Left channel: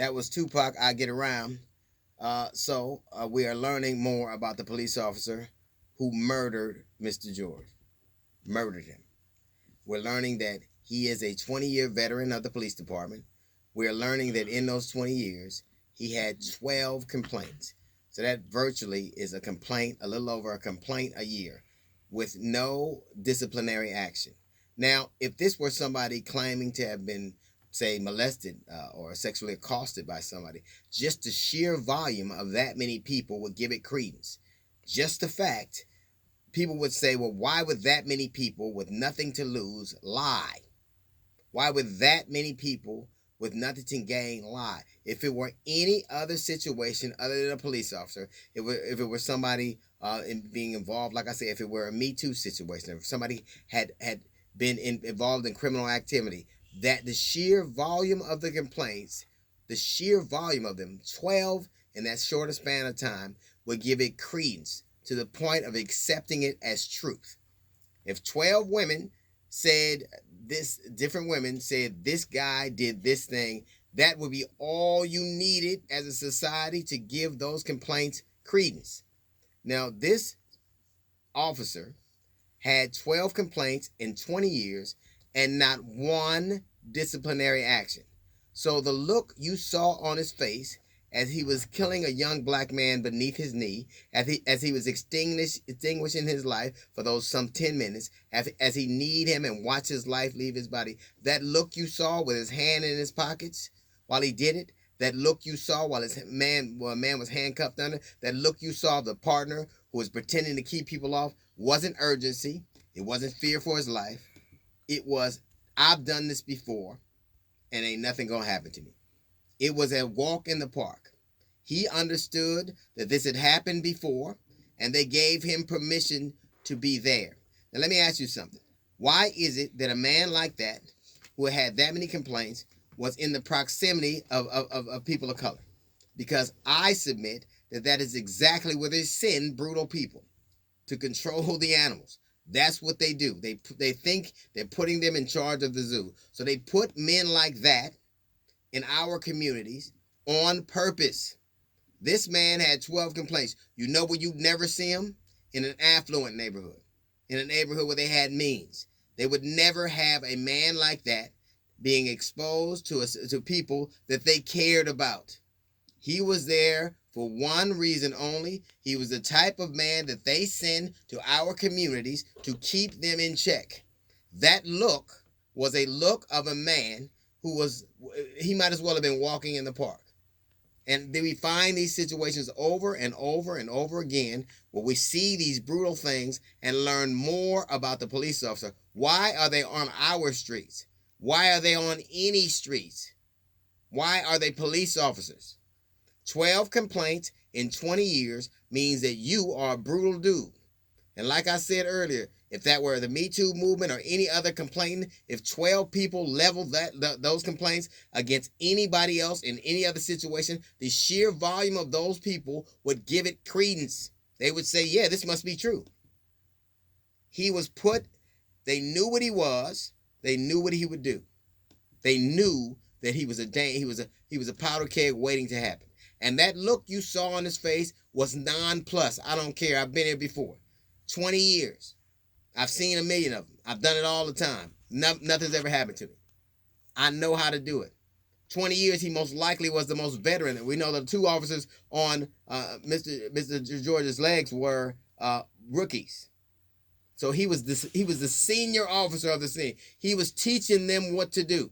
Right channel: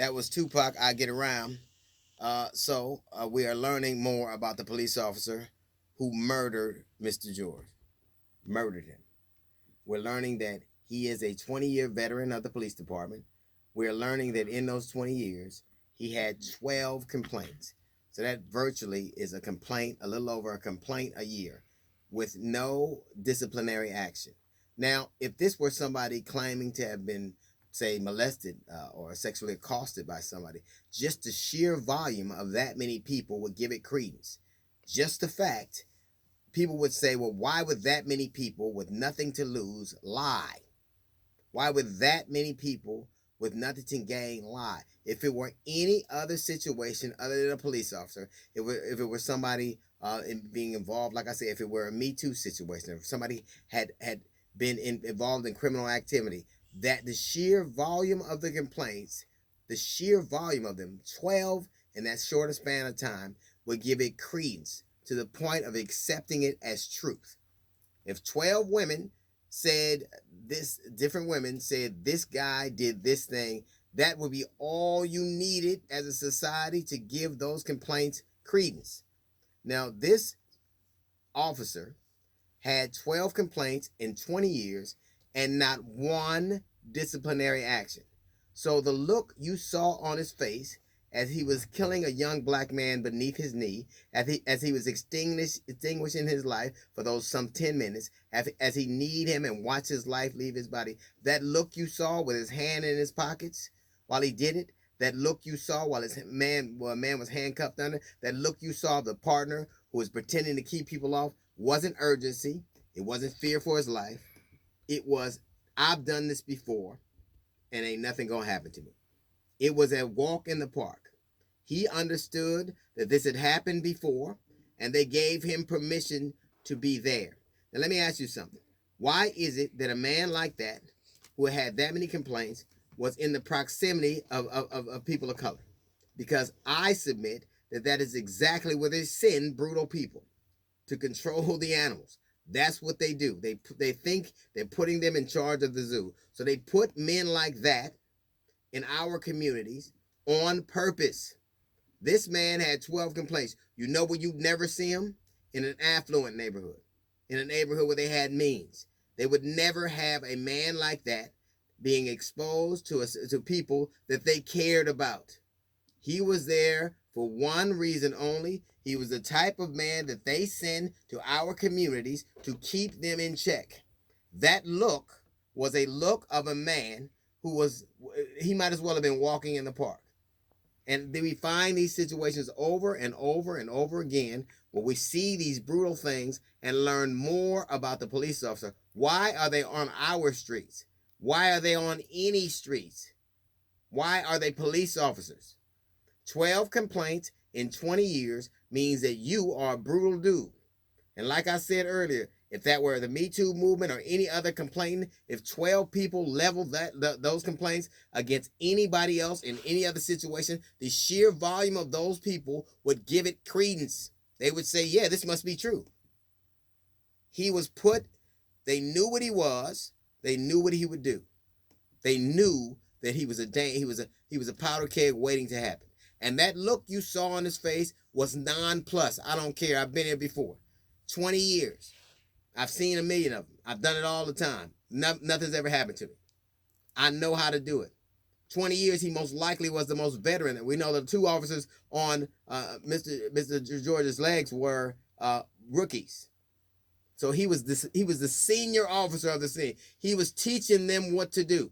That was Tupac, I Get Around. So we are learning more about the police officer who murdered Mr. George, murdered him. We're learning that he is a 20-year veteran of the police department. We're learning that in those 20 years, he had 12 complaints. So that virtually is a complaint, a little over a complaint a year, with no disciplinary action. Now, if this were somebody claiming to have been, say, molested or sexually accosted by somebody, just the sheer volume of that many people would give it credence. Just the fact, people would say, well, why would that many people with nothing to lose lie? Why would that many people with nothing to gain lie? If it were any other situation other than a police officer, if it were somebody being involved, like I said, if it were a Me Too situation, if somebody had been involved in criminal activity, that the sheer volume of the complaints, the sheer volume of them, 12 in that shorter span of time, would give it credence to the point of accepting it as truth. If 12 women said this, different women said this guy did this thing, that would be all you needed as a society to give those complaints credence. Now, this officer had 12 complaints in 20 years and not one disciplinary action. So the look you saw on his face as he was killing a young black man beneath his knee, as he was extinguishing his life for those some 10 minutes, as he kneed him and watched his life leave his body, that look you saw with his hand in his pockets while he did it, that look you saw while a man was handcuffed under, that look you saw of the partner who was pretending to keep people off, wasn't urgency, it wasn't fear for his life, it was, I've done this before and ain't nothing gonna happen to me. It was a walk in the park. He understood that this had happened before, and they gave him permission to be there. Now, let me ask you something. Why is it that a man like that, who had that many complaints, was in the proximity of people of color? Because I submit that that is exactly where they send brutal people, to control the animals. That's what they do. They think they're putting them in charge of the zoo. So they put men like that in our communities on purpose. This man had 12 complaints. You know where you'd never see him? In an affluent neighborhood, in a neighborhood where they had means. They would never have a man like that being exposed to people that they cared about. He was there for one reason only. He was the type of man that they send to our communities to keep them in check. That look was a look of a man who was, he might as well have been walking in the park. And then we find these situations over and over and over again where we see these brutal things and learn more about the police officer. Why are they on our streets? Why are they on any streets? Why are they police officers? 12 complaints in 20 years means that you are a brutal dude. And like I said earlier, if that were the Me Too movement or any other complaint, if 12 people leveled those complaints against anybody else in any other situation, the sheer volume of those people would give it credence. They would say, yeah, this must be true. He was put, they knew what he was, they knew what he would do. They knew that he was a powder keg waiting to happen. And that look you saw on his face was nonplus. I don't care. I've been here before. 20 years. I've seen a million of them. I've done it all the time. Nothing's ever happened to me. I know how to do it. 20 years, he most likely was the most veteran. We know the two officers on Mr. George's legs were rookies. So he was the senior officer of the scene. He was teaching them what to do.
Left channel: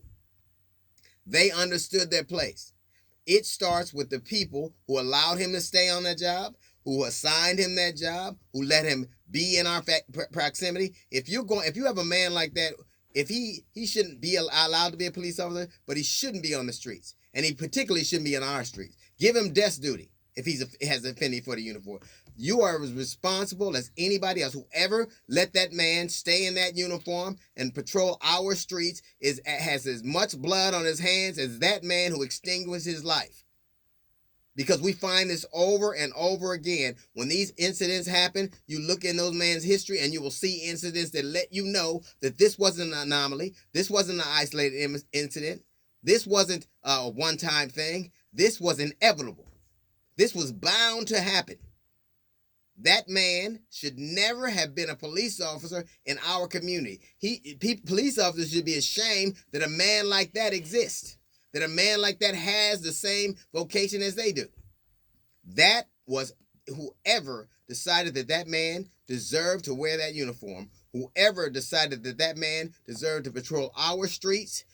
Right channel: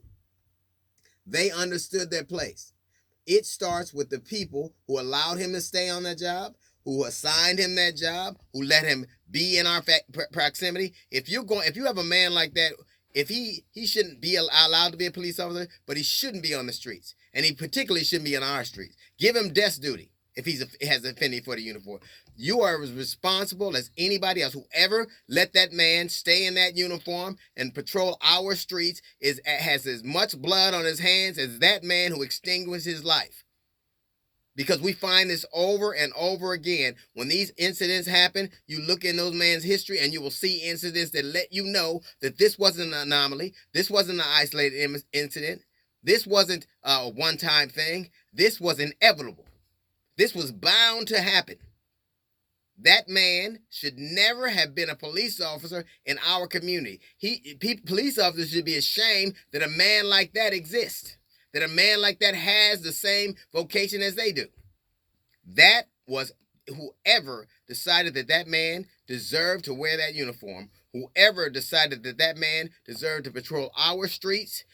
They understood their place. It starts with the people who allowed him to stay on that job, who assigned him that job, who let him be in our proximity. If you have a man like that, if he shouldn't be allowed to be a police officer, but he shouldn't be on the streets, and he particularly shouldn't be on our streets. Give him desk duty if he has an affinity for the uniform. You are as responsible as anybody else. Whoever let that man stay in that uniform and patrol our streets has as much blood on his hands as that man who extinguished his life. Because we find this over and over again. When these incidents happen, you look in those men's history and you will see incidents that let you know that this wasn't an anomaly. This wasn't an isolated incident. This wasn't a one-time thing. This was inevitable. This was bound to happen. That man should never have been a police officer in our community. Police officers should be ashamed that a man like that exists, that a man like that has the same vocation as they do. That was whoever decided that that man deserved to wear that uniform, whoever decided that that man deserved to patrol our streets,